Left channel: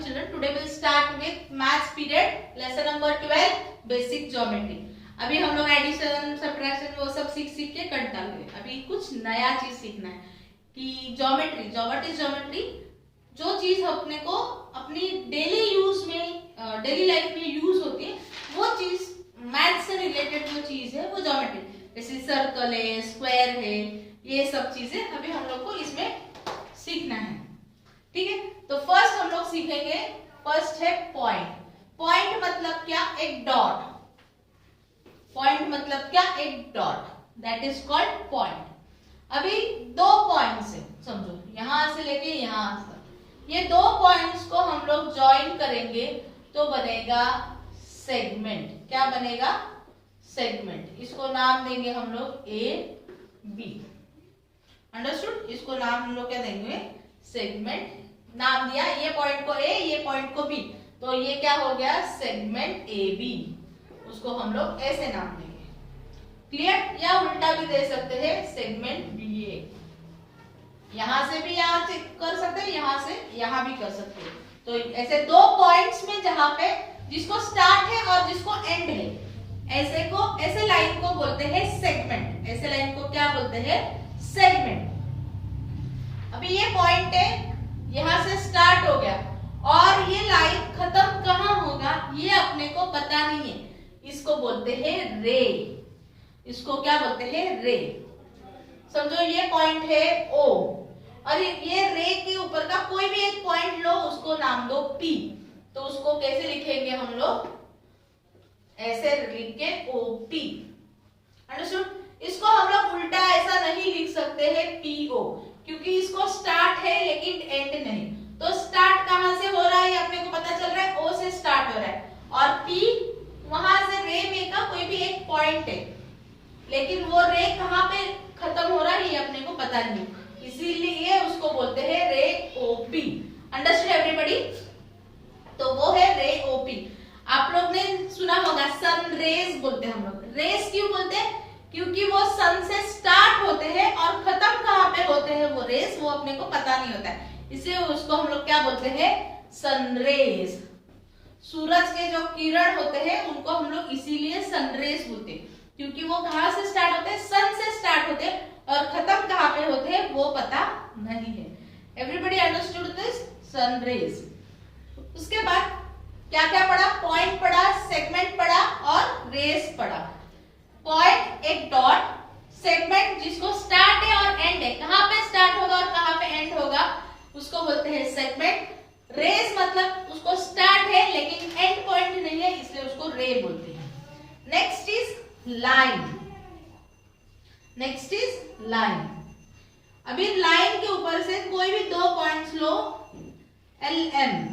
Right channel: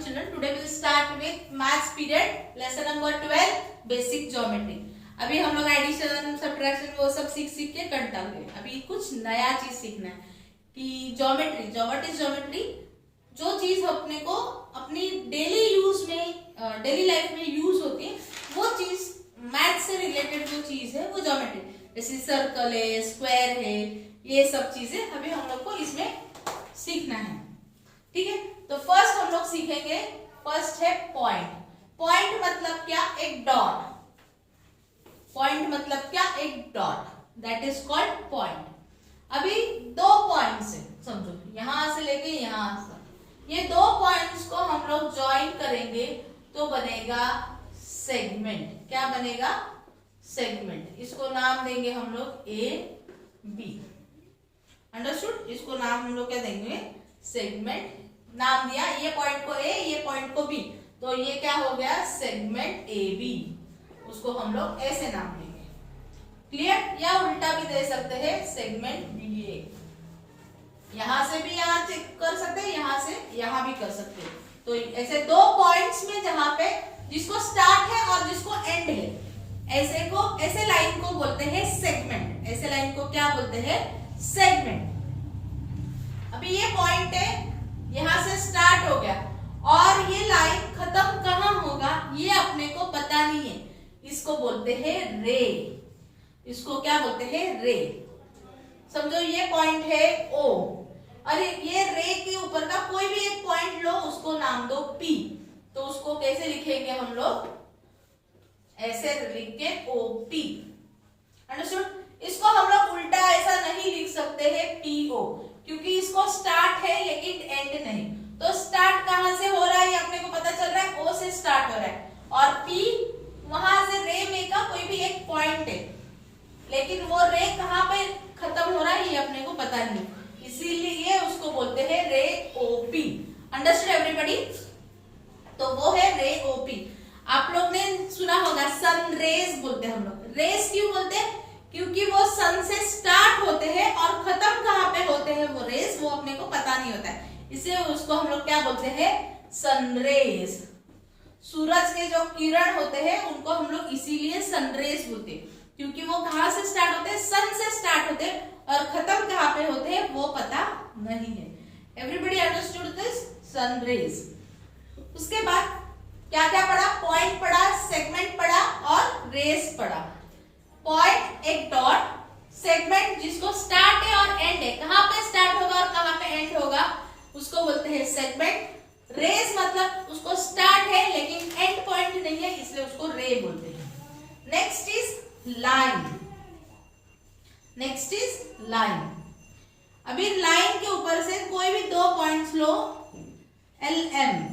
morning children. Today we'll start with maths period lesson number 12 basic geometry. अभी हम लोग addition subtraction वो सब सीख के करता हुए अभी कुछ नया चीज सीखना है कि ज्योमेट्री जो चीज अपने को अपनी डेली यूज में डेली लाइफ में यूज होती है वो चीज मैथ से रिलेटेड जो चीज है वो ज्योमेट्री, जैसे सर्कल है, स्क्वायर है, ये सब चीजें अभी हम लोग को इसमें सीखना है। ठीक है, तो फर्स्ट हम लोग सीखेंगे, फर्स्ट है पॉइंट। पॉइंट मतलब क्या? एक डॉट। पॉइंट मतलब क्या? एक dot, that is called point. अभी दो पॉइंट्स है, समझो यहां से लेके यहां से, ये दो पॉइंट्स को हम लोग ज्वाइन करेंगे तो बनेगा सेगमेंट। क्या बनेगा? सेगमेंट। इसको नाम देंगे हम लोग ए बी। अंडरस्टूड? इसको नाम हम लोग क्या देंगे? सेगमेंट। नाम दिया, ये पॉइंट को ए, ये पॉइंट को बी, तो ये क्या हो गया? Segment A B. उसको हम लोग ऐसे नाम देंगे। क्लियर? या उल्टा भी दे सकते हैं, सेगमेंट बी ए। यहां से भी यहां चेक कर सकते हैं, यहां से यहां भी कर सकते हैं। तो ऐसे दो पॉइंट्स में जहां पे जिसको स्टार्ट है और जिसको एंड है, ऐसे लाइन को बोलते हैं सेगमेंट। ऐसे लाइन को क्या बोलते हैं? सेगमेंट। अभी ये पॉइंट है, यहां से स्टार्ट हो गया और ये लाइन खत्म कहां होगा ये अपने को पता नहीं है, इसको बोलते हैं रे। इसको क्या बोलते हैं? रे। समझो ये पॉइंट है ओ और ये रे के ऊपर का कोई भी एक पॉइंट लो, उसको नाम दो पी। तो उसको कैसे लिखेंगे हम लोग? ऐसे लिख के ओ पी। अंडरस्टूड? इसको हम लोग उल्टा ऐसा नहीं लिख सकते हैं पीओ, क्योंकि इसको स्टार्ट है लेकिन एंड नहीं। तो स्टार्ट कहां से हो रहा है ये अपने को पता चल रहा है, ओ से स्टार्ट हो रहा है, और पी वहां से रे में का कोई भी एक पॉइंट है, लेकिन वो रे कहां पे खत्म हो रहा है ये अपने को पता नहीं, इसीलिए उसको बोलते हैं रे ओ पी। Understood everybody? तो वो है रे ओ पी। आप लोग ने सुना होगा सन रेज बोलते हैं हम लोग। रेज क्यों बोलते हैं? क्योंकि वो सन से स्टार्ट होते हैं और खत्म कहां पे होते हैं वो रेस, वो अपने को पता नहीं होता है, इसलिए उसको हम लोग क्या बोलते हैं? सनरेज। सूरज के जो किरण होते हैं उनको हम लोग इसीलिए सनरेज बोलते हैं, क्योंकि वो कहां से स्टार्ट होते हैं? सन से स्टार्ट होते हैं और खत्म कहां पे होते हैं वो पता नहीं है। Everybody understood this? सनरेज। उसके बाद क्या क्या पढ़ा? पॉइंट पढ़ा, सेगमेंट पढ़ा और रेस पढ़ा। पॉइंट एक डॉट, सेगमेंट जिसको स्टार्ट है और एंड है, कहां पे स्टार्ट होगा और कहां पे एंड होगा उसको बोलते हैं सेगमेंट। रेस मतलब उसको स्टार्ट है लेकिन एंड पॉइंट नहीं है, इसलिए उसको रे बोलते हैं। Next is line. Next is line. अभी लाइन के ऊपर से कोई भी दो पॉइंट्स लो, एल एम,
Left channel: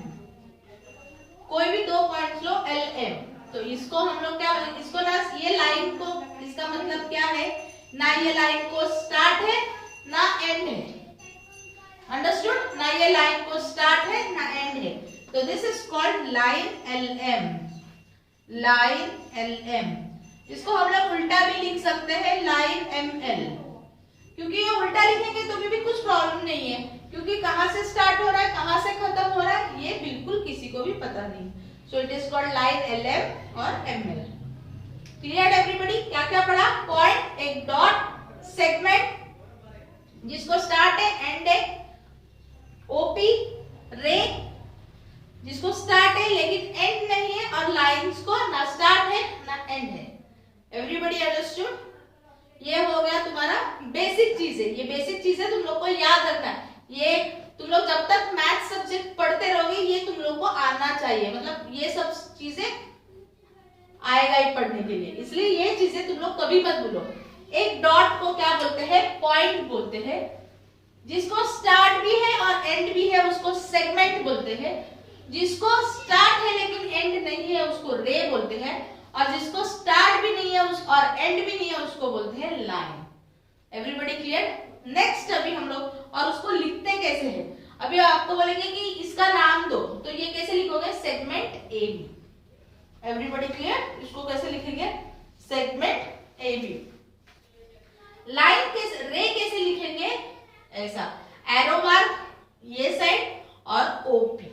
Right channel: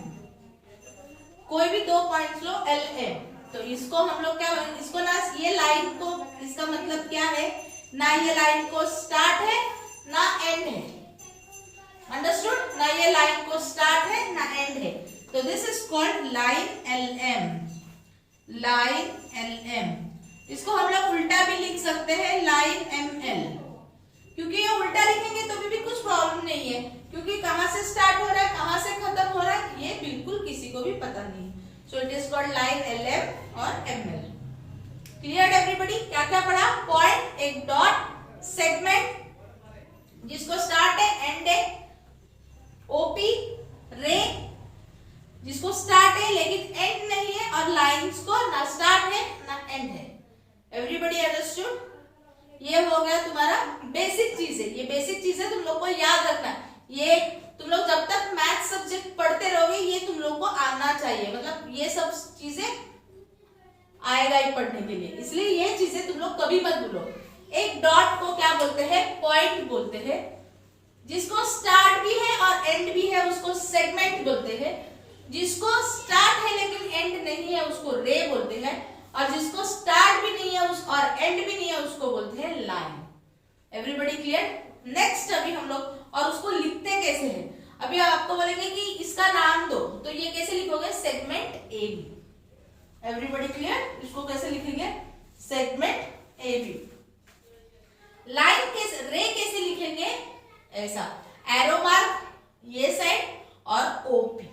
कोई भी दो पॉइंट्स लो एल एम, तो इसको हम लोग क्या, इसको ना ये लाइन को, इसका मतलब क्या है? ना ये लाइन को स्टार्ट है ना एंड है। अंडरस्टूड? ना ये लाइन को स्टार्ट है ना एंड है, तो this is called line L M. Line L M. इसको हम लोग उल्टा भी लिख सकते हैं, लाइन एम एल, क्योंकि ये उल्टा लिखेंगे तो भी कुछ प्रॉब्लम नहीं है, क्योंकि कहां से स्टार्ट हो रहा है कहां से खत्म हो रहा है ये बिल्कुल किसी को भी पता नहीं। So it is called line LM और ML. Clear everybody? क्या क्या पढ़ा? पॉइंट एक डॉट, सेगमेंट जिसको स्टार्ट है एंड है, ओपी रे जिसको स्टार्ट है लेकिन एंड नहीं है, और लाइंस को ना स्टार्ट है ना एंड है। Everybody understood? ये हो गया तुम्हारा बेसिक चीज है। ये बेसिक चीज है, तुम लोग को याद रखना है। ये तुम लोग जब तक मैथ सब्जेक्ट पढ़ते रहोगे ये तुम लोग को आना चाहिए, मतलब ये सब चीजें आएगा ही पढ़ने के लिए, इसलिए ये चीजें तुम लोग कभी मत भूलो। एक डॉट को क्या बोलते हैं? पॉइंट बोलते हैं। जिसको स्टार्ट भी है और एंड भी है उसको सेगमेंट बोलते हैं। जिसको स्टार्ट है लेकिन एंड नहीं है उसको रे बोलते हैं, और जिसको स्टार्ट भी नहीं है और एंड भी नहीं है उसको बोलते हैं लाइन। Everybody clear? नेक्स्ट अभी हम लोग, और उसको लिखते कैसे है? अभी आपको बोलेंगे कि इसका नाम दो, तो ये कैसे लिखोगे? Segment A B. Everybody clear? इसको कैसे लिखेंगे? Segment A B. लाइन कैसे, रे कैसे लिखेंगे? ऐसा एरो मार्क ये साइड और ओपी।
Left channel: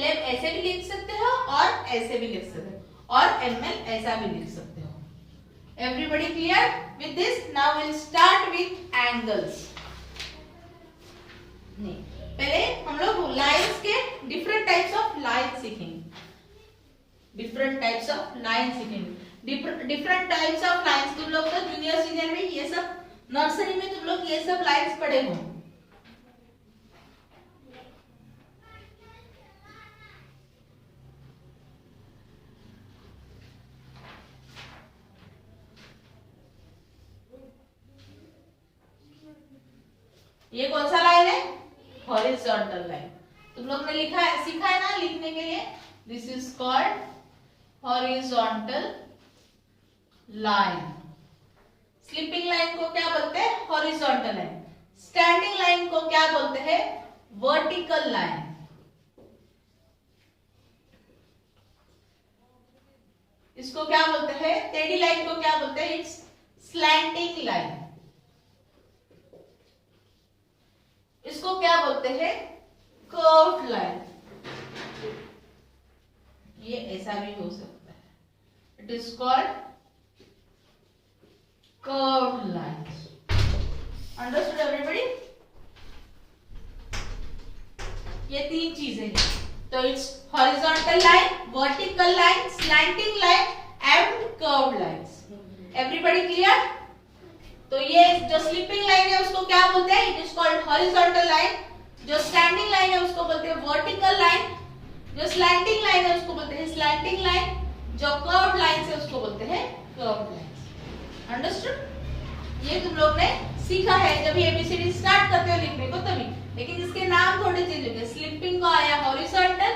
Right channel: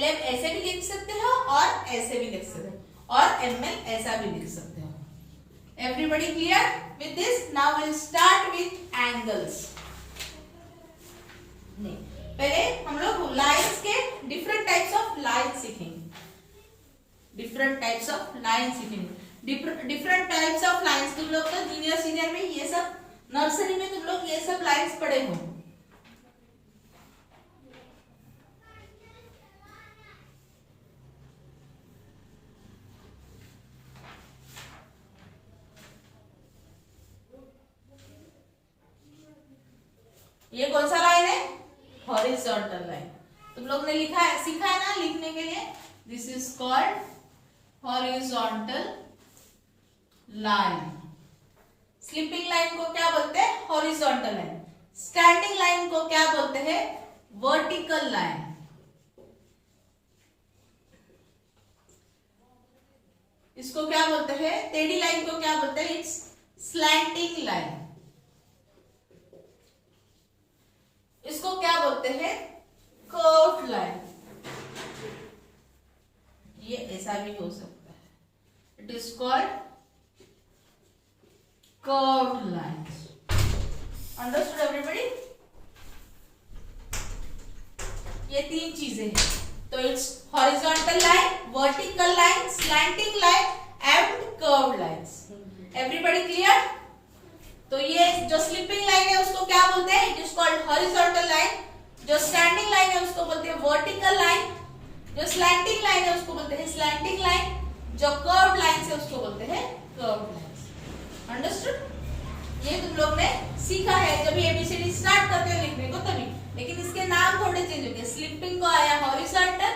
LM ऐसे भी लिख सकते हो और ऐसे भी लिख सकते हो और ML ऐसा भी लिख सकते हो। Everybody clear with this? Now we'll start with angles. नहीं, पहले हम लोग लाइन्स के डिफरेंट टाइप्स ऑफ लाइन सीखेंगे। डिफरेंट टाइप्स ऑफ लाइन सीखेंगे। डिफरेंट टाइप्स ऑफ लाइन्स तुम लोग तो जूनियर सीनियर में ये सब, नर्सरी में तुम लोग ये सब लाइन्स पढ़े हो। ये कौन सा लाइन है? Horizontal line. तुम लोग ने लिखा है, सीखा है ना लिखने के लिए। This is called horizontal line. Sleeping line को क्या बोलते हैं? Horizontal line. स्टैंडिंग लाइन को क्या बोलते हैं? Vertical line. इसको क्या बोलते हैं? टेढ़ी लाइन को क्या बोलते हैं? It's slanting line. इसको क्या बोलते हैं? Curved line. ये ऐसा भी हो सकता है। It is called curved line. Understood everybody? ये तीन चीजें हैं। तो it's horizontal line, vertical line, slanting line and curved lines. Everybody clear? तो ये जो स्लीपिंग लाइन है उसको क्या बोलते हैं? It is called horizontal line. जो स्टैंडिंग लाइन है उसको बोलते हैं वर्टिकल लाइन। जो स्लैंटिंग लाइन है उसको बोलते हैं स्लैंटिंग लाइन। जो कर्व्ड लाइन है उसको बोलते हैं कर्व्ड लाइन। अंडरस्टूड? ये तुम लोग ने सीखा है जब एबीसीडी स्टार्ट करते हो लिखने को तभी, लेकिन इसके नाम थोड़े चेंज हो गए। स्लीपिंग को आया हॉरिजॉन्टल,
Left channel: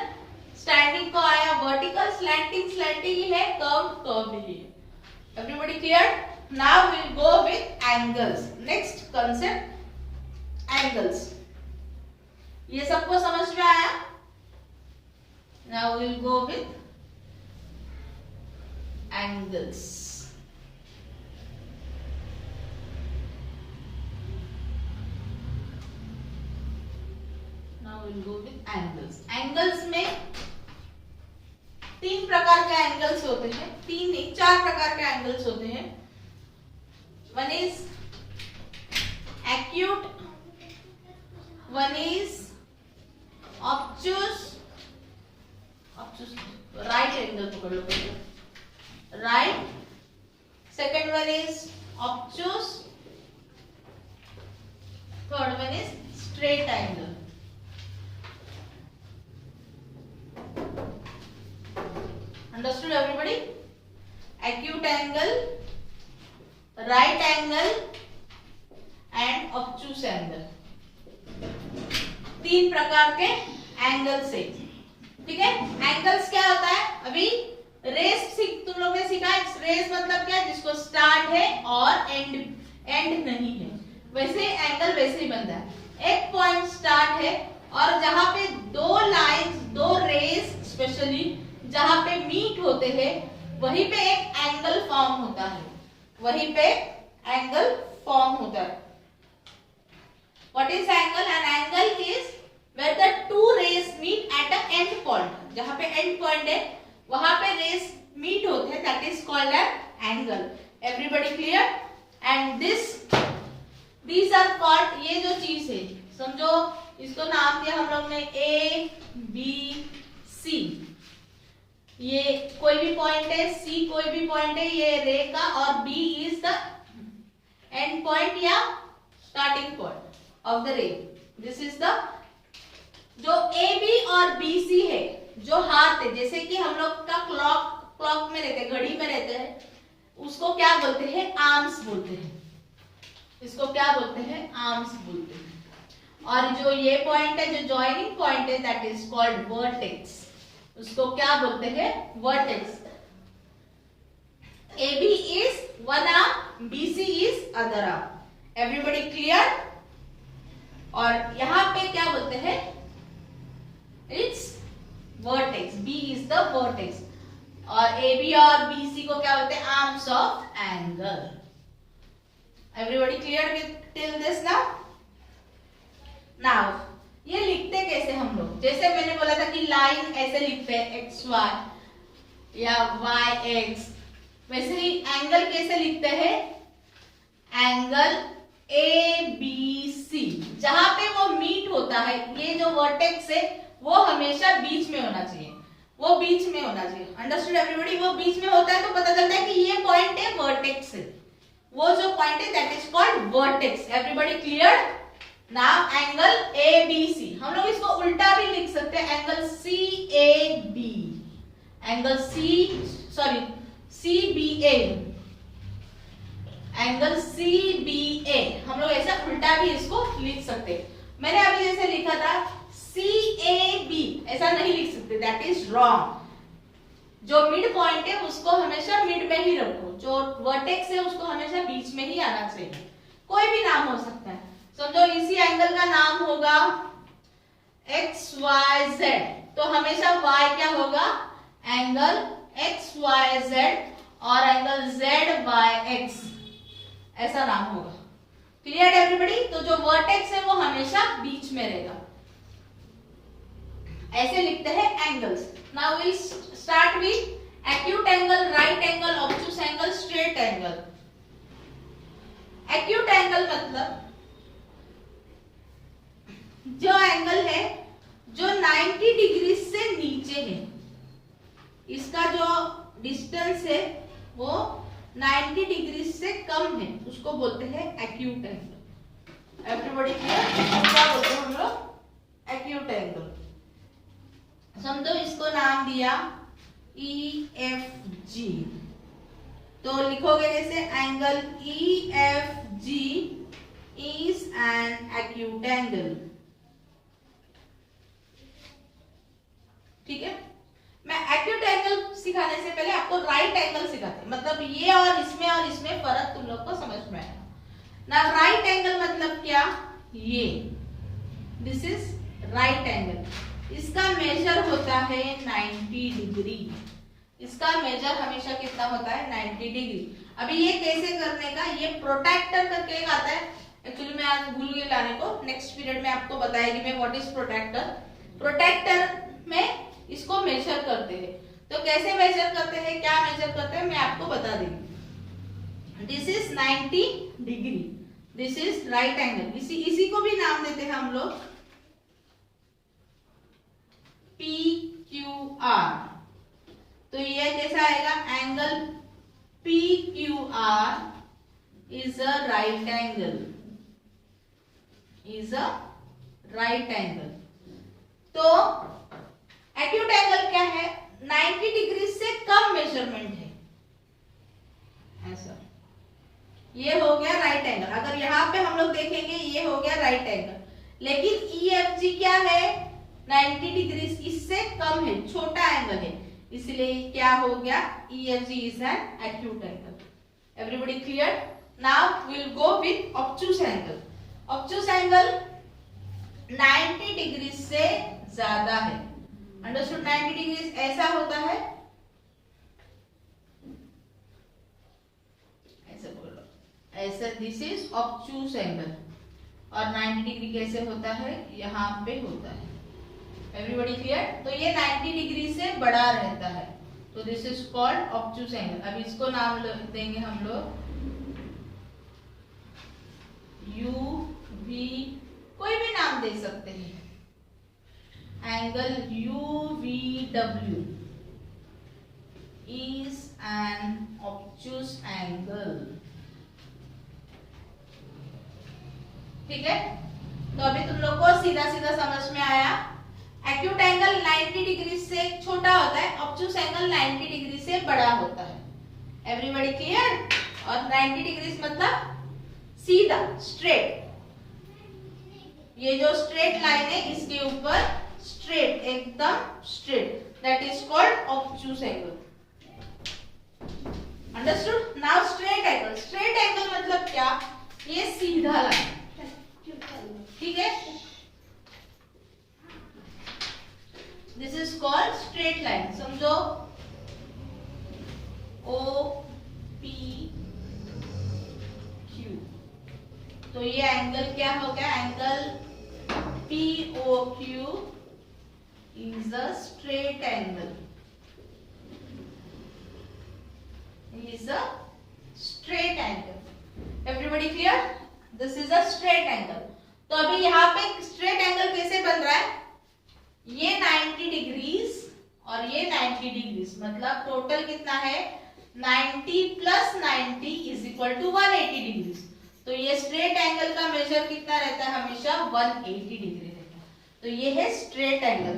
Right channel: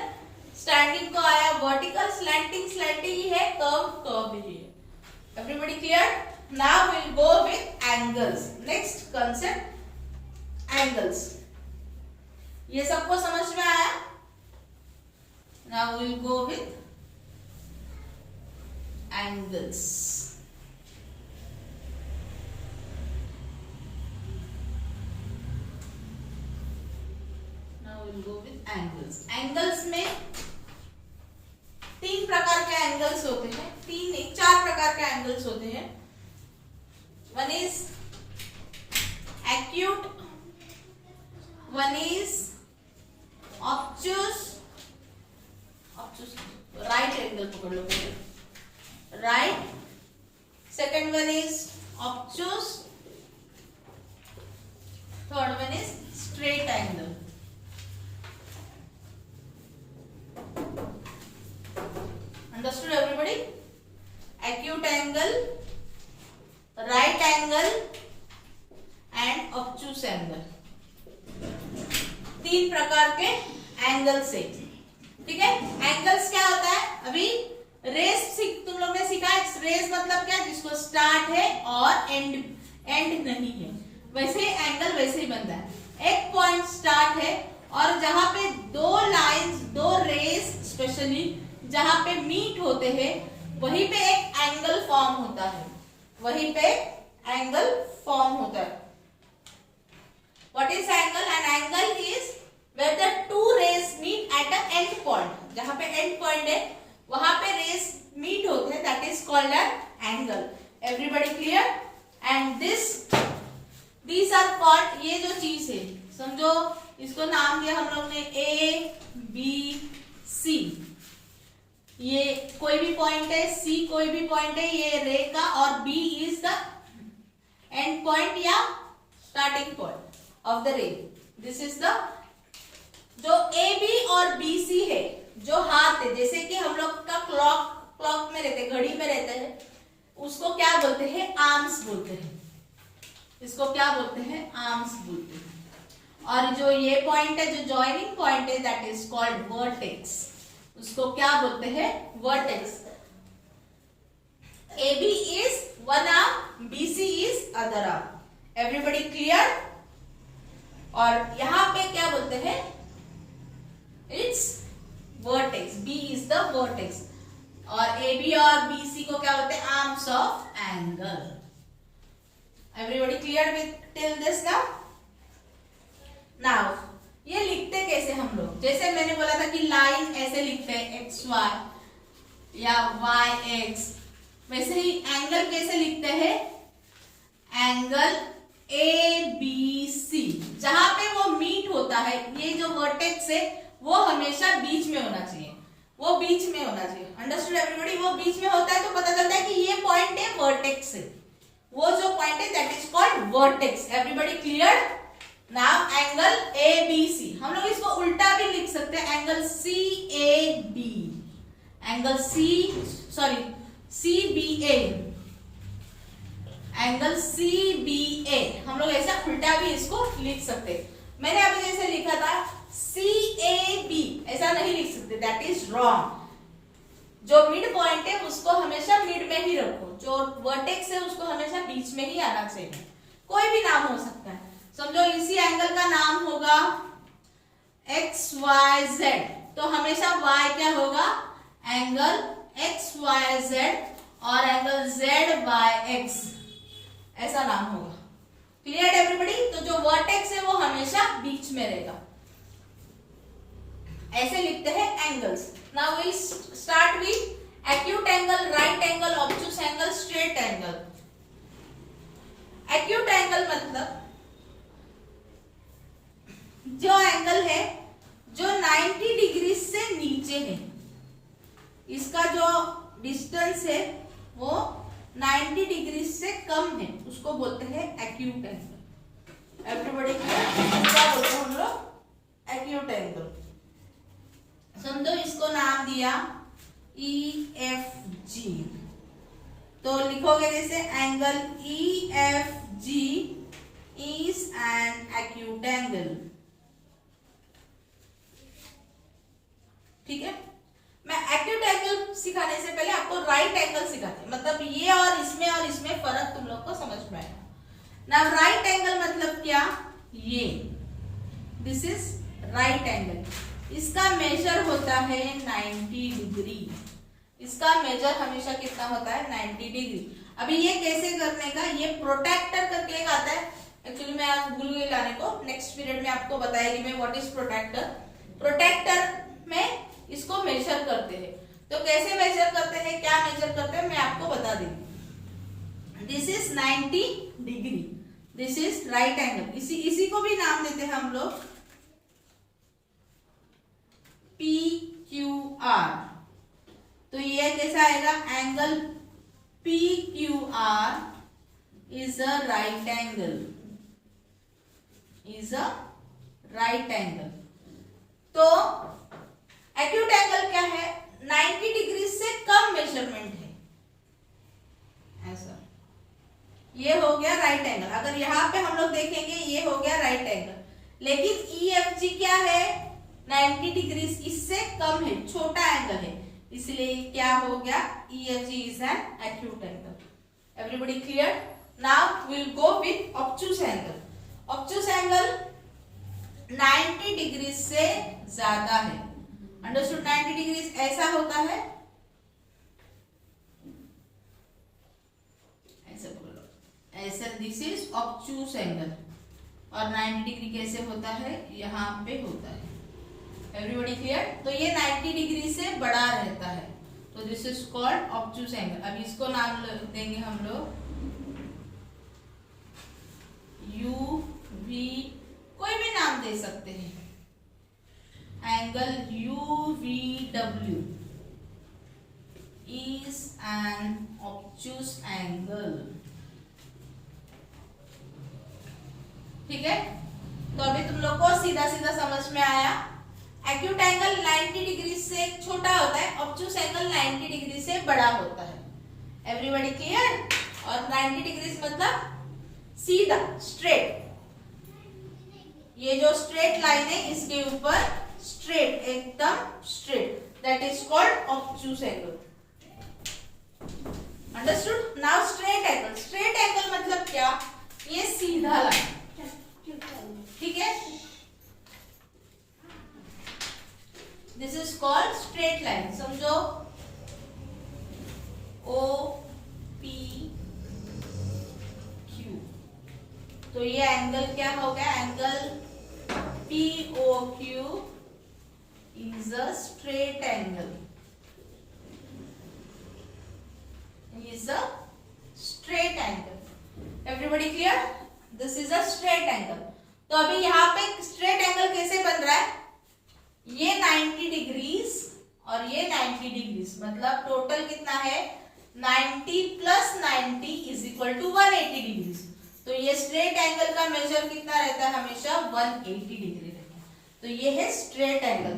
स्टैंडिंग को आया वर्टिकल, स्लैंटिंग स्लैंटिंग ही है, कर्व्ड ही है। Everybody clear? Now we'll go with angles. Next concept, angles. ये सबको समझ में आया? Now we'll go with angles. Now we'll go with angles. Angles में तीन प्रकार के एंगल्स होते हैं। तीन नहीं, चार प्रकार के एंगल्स होते हैं। One is acute, one is obtuse, right angle पकड़ लो पहले, right. Second one is obtuse, third one is straight angle. Understood everybody? Acute angle, right angle and obtuse angle, तीन प्रकार के एंगल्स है। ठीक है? एंगल्स क्या होता है? अभी रेस तुम लोग ने सीखा है। रेस मतलब क्या? जिसको स्टार्ट है और एंड नहीं है, वैसे एंगल वैसे ही बनता है। एक पॉइंट स्टार्ट है और जहां पे दो लाइंस, दो रेस स्पेशली जहां पे मीट होते हैं, वहीं पे एक एंगल फॉर्म होता है। वहीं पे एंगल फॉर्म होता है। What is angle? An angle is where the two rays meet at a end point. जहां पे एंड पॉइंट है वहां पे रेस मीट होते हैं, that is called an angle. Everybody clear? And these are called, ये जो चीज है समझो, इसको नाम दिया हम लोग ने ए बी सी। ये कोई भी पॉइंट है, सी कोई भी पॉइंट है, ये रे का, और B is the end point या starting point of the ray. This is the, जो ए बी और बी सी है, जो हाथ है, जैसे कि हम लोग का क्लॉक में रहते हैं, घड़ी में रहते हैं, उसको क्या बोलते हैं? आर्म्स बोलते हैं। इसको क्या बोलते हैं? आर्म्स बोलते हैं। और जो ये पॉइंट है, जो जॉइनिंग पॉइंट है, दैट इज कॉल्ड वर्टेक्स। उसको क्या बोलते हैं? Vertex. AB is one arm, BC is other arm. Everybody clear? और यहाँ पे क्या बोलते हैं? It's vertex. B is the vertex. और AB और BC को क्या बोलते हैं? Arms of angle. Everybody clear with till this now? Now ये लिखते कैसे हम लोग, जैसे मैंने बोला था कि लाइन ऐसे लिखते हैं एक्स वाई या वाई एक्स, वैसे ही एंगल कैसे लिखते हैं, एंगल ए बी सी। जहां पे वो मीट होता है, ये जो वर्टेक्स है वो हमेशा बीच में होना चाहिए, वो बीच में होना चाहिए। Understood everybody? वो बीच में होता है तो पता चलता है कि ये पॉइंट है वर्टेक्स है, वो जो पॉइंट है that is called vertex. Everybody clear? Now angle A B C, हम लोग इसको उल्टा भी लिख सकते हैं, angle C A B, angle C B A, angle C B A, हम लोग ऐसा उल्टा भी इसको लिख सकते। मैंने अभी जैसे लिखा था सी ए बी, ऐसा नहीं लिख सकते, दैट इज रॉन्ग। जो मिड पॉइंट है उसको हमेशा मिड में ही रखो, जो वर्टेक्स है उसको हमेशा बीच में ही आना चाहिए। कोई भी नाम हो सकता है, समझो इसी एंगल का नाम होगा एक्स वाई जेड, तो हमेशा y क्या होगा, एंगल एक्स वाई जेड, और एंगल जेड वाई एक्स, ऐसा नाम होगा। Clear everybody? तो जो वर्टेक्स है वो हमेशा बीच में रहेगा। ऐसे लिखते हैं angles. Now we start with acute angle, right angle, obtuse angle, straight angle. Acute angle मतलब जो एंगल है जो 90 डिग्री से नीचे है, इसका जो डिस्टेंस है वो 90 डिग्री से कम है, उसको बोलते हैं एक्यूट एंगल। Everybody clear? क्या बोलते हैं हम लोग, एक्यूट एंगल। समझो इसको नाम दिया ई एफ जी, तो लिखोगे जैसे angle E F G is an acute angle. ठीक है? मैं एक्यूट एंगल सिखाने से पहले आपको राइट एंगल सिखाते, मतलब ये और इसमें फर्क तुम लोग को समझ में आएगा ना। राइट एंगल मतलब क्या, ये दिस इज राइट एंगल, इसका मेजर होता है 90 डिग्री, इसका मेजर हमेशा कितना होता है, 90 डिग्री। अभी ये कैसे करने का, ये प्रोट्रैक्टर करके एक आता है, एक्चुअली मैं आज भूल गई लाने को, नेक्स्ट पीरियड में आपको बताएगी मैं व्हाट इज प्रोट्रैक्टर। प्रोट्रैक्टर में इसको मेजर करते हैं, तो कैसे मेजर करते हैं, क्या मेजर करते हैं, मैं आपको बता दूंगी। This is 90 degree, this is right angle. इसी को भी नाम देते हैं हम लोग पी क्यू आर। तो ये कैसा आएगा, angle P Q R is a right angle, is a right angle. तो एक्यूट एंगल क्या है, 90 डिग्री से कम मेजरमेंट है, ऐसा। ये हो गया राइट एंगल। अगर यहाँ पे हम लोग देखेंगे ये हो गया राइट एंगल, लेकिन ई एफ जी क्या है, 90 डिग्री इससे कम है, छोटा एंगल है, इसलिए क्या हो गया, E F G is an acute angle. Everybody clear? Now we will go with obtuse angle. Obtuse angle 90 degree से ज्यादा है। अंडरस्टूड? 90 डिग्री ऐसा होता है, ऐसे बोलो, ऐसे, दिस इज ऑब्टूस एंगल। और 90 डिग्री कैसे होता है, यहाँ पे होता है। Everybody clear? तो ये 90 डिग्री से बड़ा रहता है, तो this is called obtuse angle. अब इसको नाम देंगे हम लोग यू वी, कोई भी नाम दे सकते हैं, angle U V W is an obtuse angle. ठीक है? तो अभी तुम लोग को सीधा सीधा समझ में आया, एक्यूट एंगल 90 डिग्री से छोटा होता है, ऑब्टूस एंगल 90 डिग्री से बड़ा होता है। Everybody clear? और 90 डिग्री मतलब सीधा, स्ट्रेट, ये जो स्ट्रेट लाइन है इसके ऊपर स्ट्रेट, एकदम straight, that is called obtuse angle. Understood? Now straight angle. Straight angle मतलब क्या, ये सीधा लाइन। ठीक है? This is called straight line. समझो ओ पी क्यू, तो ये एंगल क्या हो गया, angle POQ is a straight angle. Is a straight angle. Everybody clear? This is a straight angle. तो अभी यहाँ पे स्ट्रेट एंगल कैसे बन रहा है? ये 90 डिग्रीज और ये 90 डिग्रीज, मतलब टोटल कितना है? 90 plus 90 is equal to 180 degrees. तो ये स्ट्रेट एंगल का मेजर कितना रहता है? हमेशा 180 डिग्री रहता है. तो ये है straight angle.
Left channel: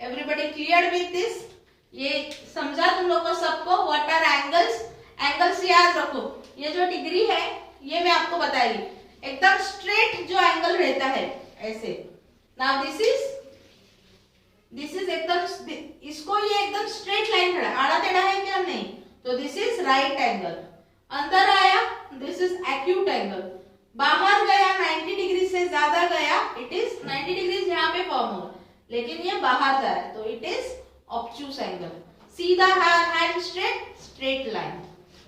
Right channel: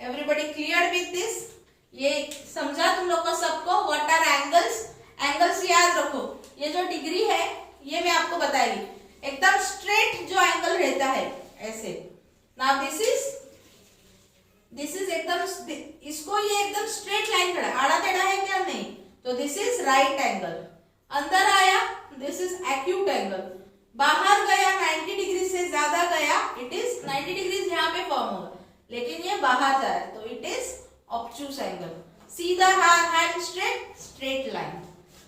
Everybody clear with this? ये समझा तुम लोग को सबको? What are angles? एंगल्स याद रखो. ये जो डिग्री है ये मैं आपको बताई, एकदम स्ट्रेट जो एंगल रहता है ऐसे. नाउ दिस इज एकदम, इसको ये एकदम स्ट्रेट लाइन खड़ा, आड़ा टेढ़ा है क्या? नहीं. तो दिस इज राइट एंगल. अंदर आया, दिस इज एक्यूट एंगल. बाहर गया 90 डिग्री से ज्यादा गया, इट इज 90 डिग्री यहाँ पे फॉर्म होगा, लेकिन ये बाहर जा रहा है, तो इट इज ऑब्ट्यूस एंगल. सीधा hand straight, straight line,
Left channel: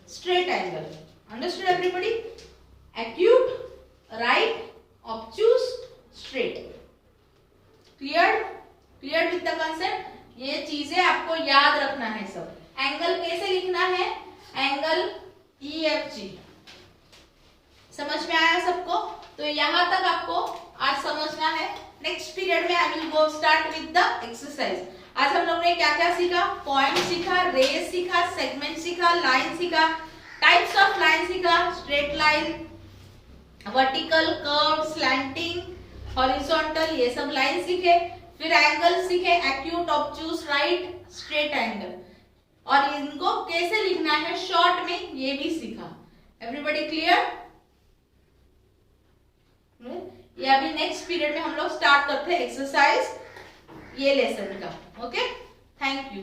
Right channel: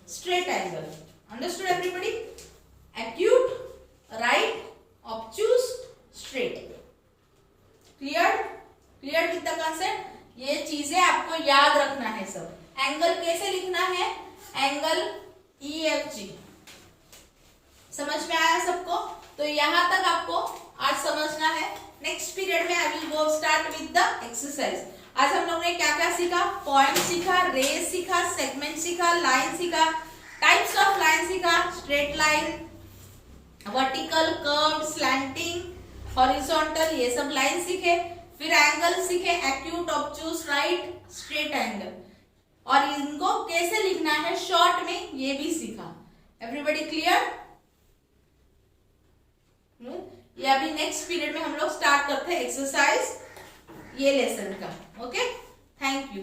straight angle. Understood everybody? Acute, right, obtuse, straight. Clear with the concept? ये चीजें आपको याद रखना है सब. एंगल कैसे लिखना है? Angle EFG. समझ में आया सबको? तो यहां तक आपको आज समझना है. नेक्स्ट पीरियड में I will go start with the exercise. आज हम लोग ने क्या क्या सीखा? पॉइंट सीखा, रेस सीखा, सेगमेंट सीखा, लाइन सीखा, टाइप्स ऑफ लाइन सीखा, straight line, vertical, curve, slanting, horizontal, ये सब लाइन सीखे. फिर एंगल सीखे, acute, obtuse, right, straight angle, और इनको कैसे लिखना है शॉर्ट में ये भी सीखा. Everybody clear? ये अभी नेक्स्ट पीरियड में हम लोग स्टार्ट करते हैं एक्सरसाइज ये लेसन का. Okay, thank you.